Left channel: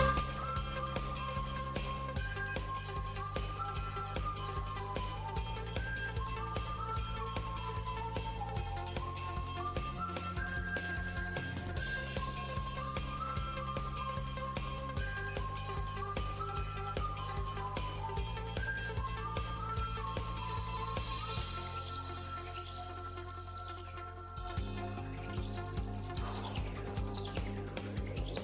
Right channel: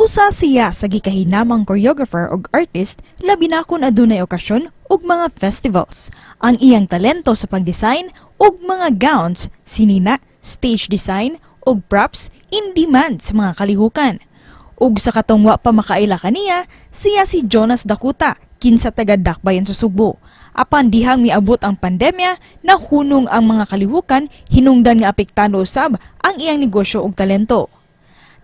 Usa siya sa gikahinamang choreographer ug artist labi na kung adunay okasyon ug mga festivals. Ang iyang talento sa pagdesign ug mga gowns, sinina, stage design ug props in demand sa mga kalihukan. Ug sa katungwa pa makaila kaniya, siya si Jonas Dakota, kinsa taga Dakbayan sa Subo. Apan dihang miabot ang pandemya, nahunong ang mga kalihukan, hinungdan nga apektado usab ang iyang negosyo ug talento.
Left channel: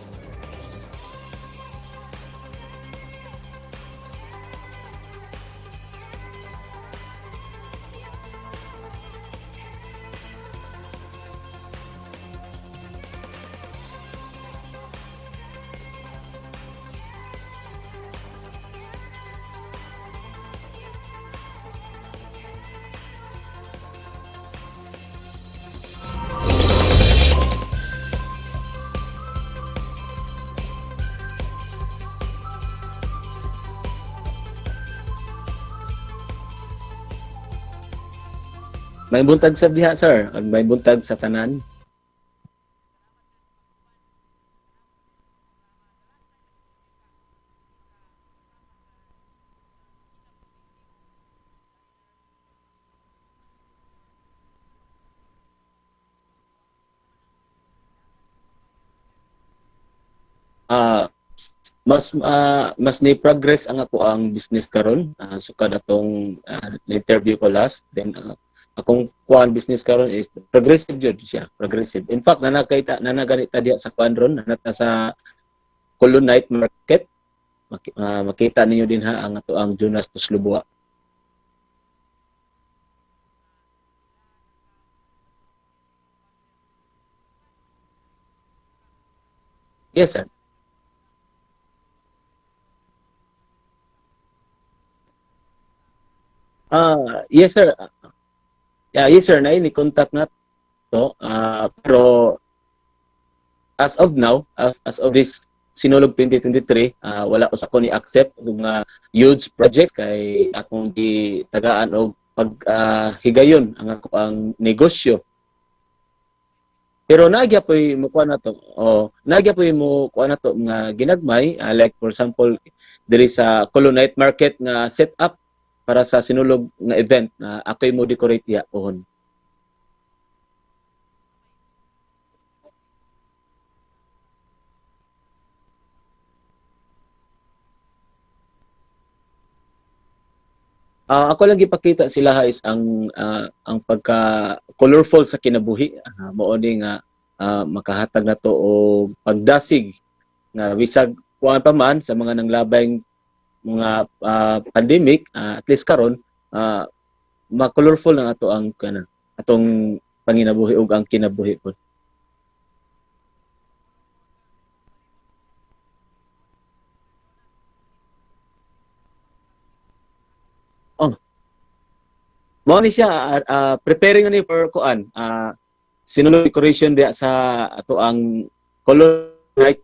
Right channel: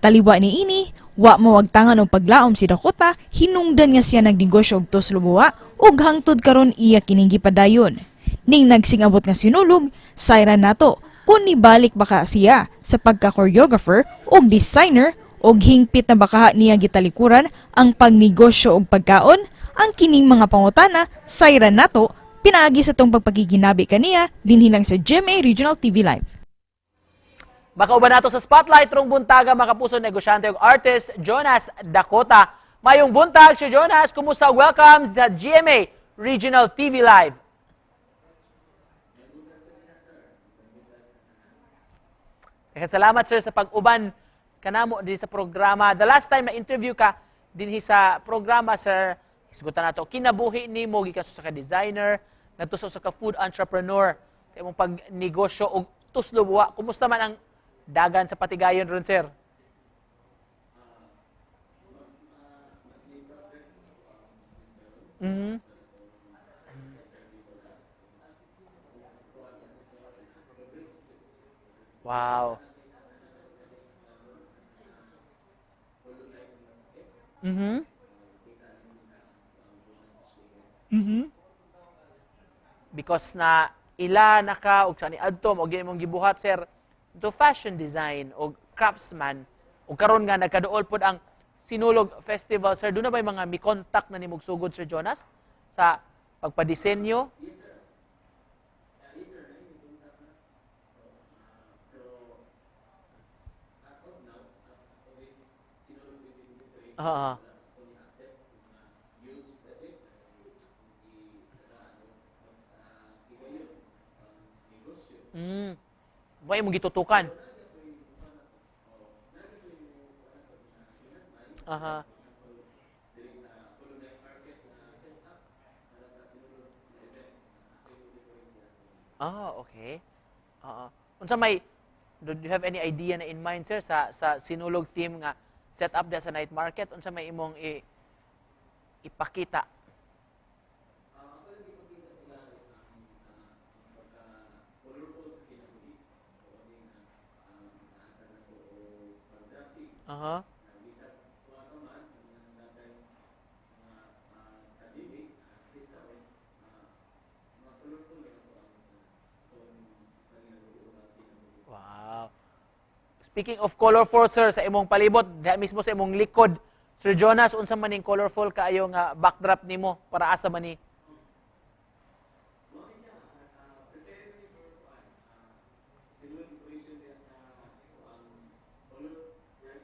Taliwa ni ini, wa mawagtangan og paglaom si Dakota, hinungdan nga siya nagnegosyo og tuslubuwa ug hangtod karon iya kining gipadayon. Ning nagsingabot nga sinulog, sayran nato kung nibalik baka siya sa pagka-choreographer ug designer ug hingpit na baka niya gitalikuran ang pagnegosyo ug pagkaon. Ang kining mga pangutana, sayran nato pinaagi sa tong pagpakiginabi kaniya dinhi lang sa GMA Regional TV Live. Makauban nato sa spotlight rong buntaga makapuso negosyante ug artist Jonas Dakota. Mayong buntag si Jonas, kumusta? Welcome sa GMA Regional TV Live. May buntag sa diha, sir. May buntag sa tanan. Salamat sir sa pag-uban kanamo din sa programa. The last time na interview ka dinhi sa programa, sir, isgutan nato kinabuhi nimo gikan sa ka designer, ngadto sa ka food entrepreneur, imong pagnegosyo og tuslubuwa. Kumusta man ang dagan sa patigayon ron, sir? Mas ni progress ang ako ang business karon. Sukad atong interview ko last, then akong kuan business karon is progressive jud siya, progressive. Wow. In fact nanaganita diha sa kuan ron, nanata sa Colon Night Market. Makita ninyo din ha ang ato ang Jonas Tuslubuwa. Because na ila naka og sa ni adto og imong gibuhat, sir, to fashion design og craftsman ug Yes, karon sir. nga nagkaduol pod ang Sinulog Festival, sir. Doon na ba yung mga mi-contact na nimog sugod, Sir Jonas, sa pagpadisenyo? Yes sir. Yes sir, na ini contact na to. Pero as of now, as of this Sinulog 2023, wala ko sa ko ni accept ng huge project kay akong gitagaan og paghigayon ang ako ang negosyo. May mo gitutukan. Pero nagya poy mo kuha na to. Nagya poy mo kuha na to nga ginagmay, like for example diri sa Colon Night Market nga set up para sa Sinulog nga event na ako'y mo decorate ya pohon. Okay. Unsa may do you have any idea na in mind, sir, sa Sinulog theme nga set up sa night market? Unsa may imong ipakita? Ako lang ipakita sila is ang pagka colorful sa kinabuhi. Mao ni nga makahatag na to og pagdasig nga bisag kuan pa man sa mga nanglabay mga pandemic, at least karon ma-colorful na ato ang atong panginabuhi ug ang kinabuhi po. Wow. Speaking of colorful, sir, sa imong palibot, diha mismo sa imong likod, Sir Jonas, unsa man ning colorful kaayo nga backdrop nimo para asa man ni? Mao ni siya preparing ni for kuan Sinulog decoration diya sa ato ang Colon Night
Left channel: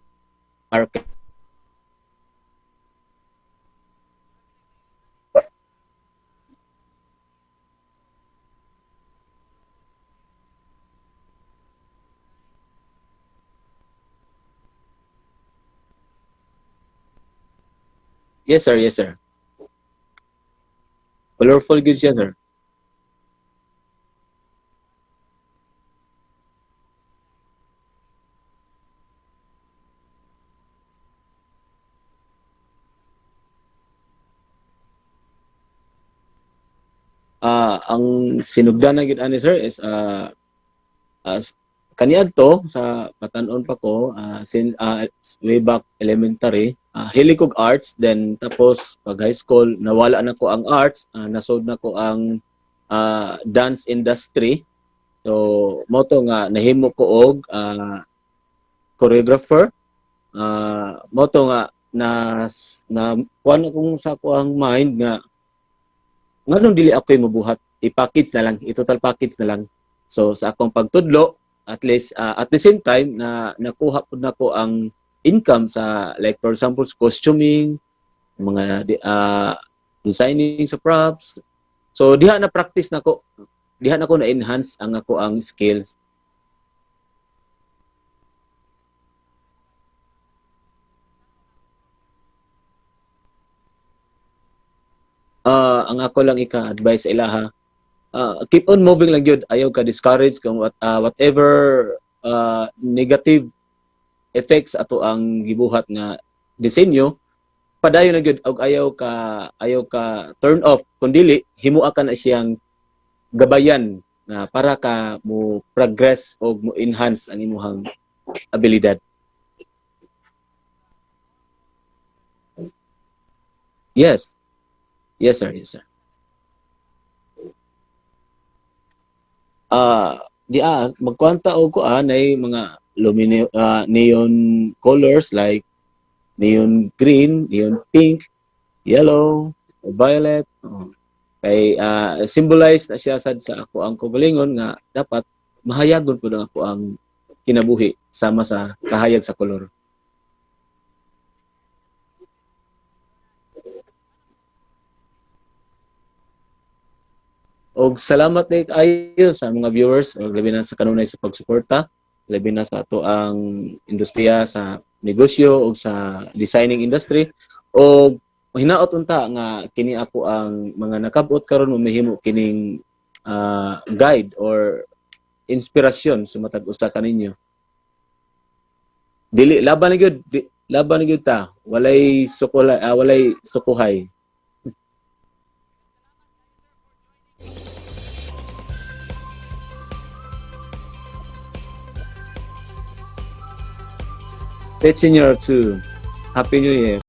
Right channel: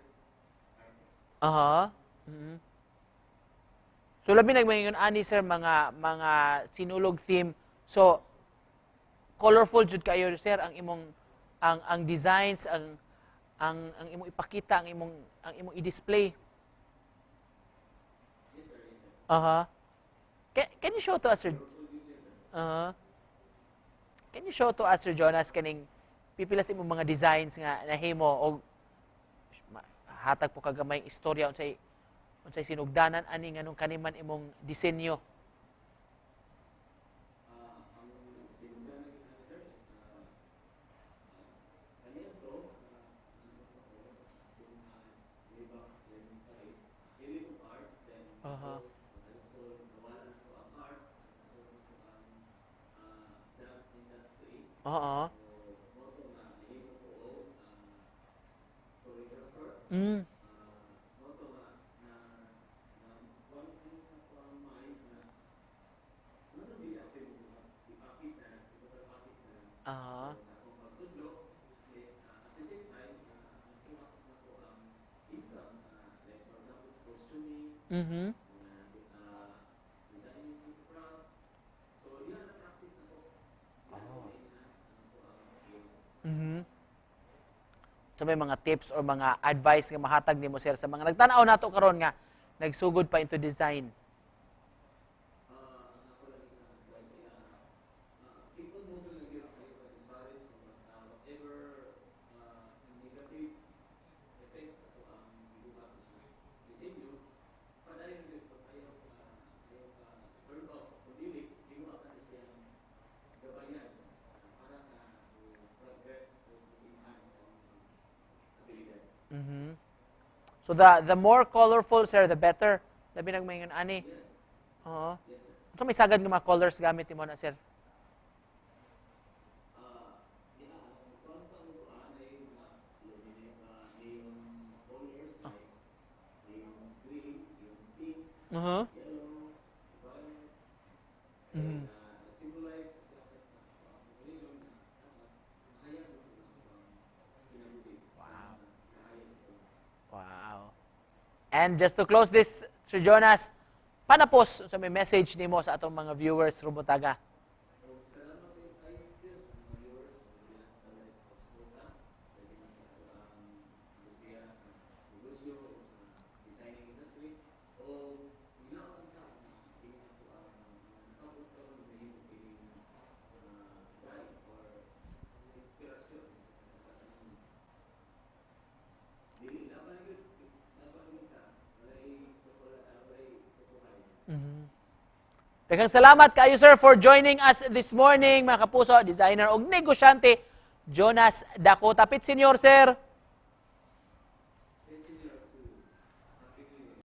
Market. So labi nagmaingon ani, sir, mga sinulog theme. So colorful jud kayo, sir, ang imong ang designs, ang imong ipakita, ang imong i-display. Yes sir, yes sir. Can you show to us? Colorful good siya, sir. Can you show to us, Sir Jonas, kaning pipilas imong mga designs nga nahimo og hatag po kagamay istorya unsay sinugdanan ani nganong kaniman imong disenyo? Ang sinugdanan gid ani, sir, is kaniadto sa patan-on pa ko way back elementary, hilig kog arts, then tapos pag high school nawala na ko ang arts, nasod na ko ang dance industry. So mo to nga nahimo ko og choreographer. Mo to nga na kuan akong sa ko ang mind nga nganong dili ako mabuhat, i-package na lang, i-total package na lang. So sa akong pagtudlo, at least at the same time na nakuha pud nako ang income sa, like for example, costuming, mga designing sa props. So diha na practice nako, diha na ko na enhance ang ako ang skills. sa may mga tips or mga advice nga mahatag nimo sir sa mga nagtanaw nato karon nga nagsugod pa into design? Ang ako lang ika-advise sa ilaha, keep on moving lang yun. Ayaw ka discourage kung whatever negative effects ato ang gibuhat nga disenyo, padayon na gyud og ayaw ka turn off kun dili himua ka na siyang gabayan na para ka mo progress o mo enhance ang imong abilidad. Mhm. So the more colorful sir the better. Labi nagmaingon ani. Yes. Oo. Yes sir. Yes sir. So may sagad nga mga colors gamit nimo na sir. Magkwanta og kuan ay mga neon colors like neon green, neon pink, yellow, violet. Kay symbolize na siya sad sa ako ang kubalingon nga dapat mahayagon pud ang ako ang kinabuhi sama sa kahayag sa kolor. Wow. And just to close this, Sir Jonas, panapos sa may message nimo sa atong mga viewers Rumutaga. Og salamat ni ayo sa mga viewers, og labi na sa kanunay sa pagsuporta, labi na sa ato ang industriya sa negosyo o sa designing industry. Og hinaot unta nga kini ako ang mga nakabot karon mamahimo kining guide or inspirasyon sa matag usa kaninyo. Dili laban na gyud ta, walay sukuhay. Daghang salamat kayo sir for joining us this morning mga kapuso, designer og negosyante Jonas Dakota. Pit Senior sir. Pet Senior 2. Happy New Year.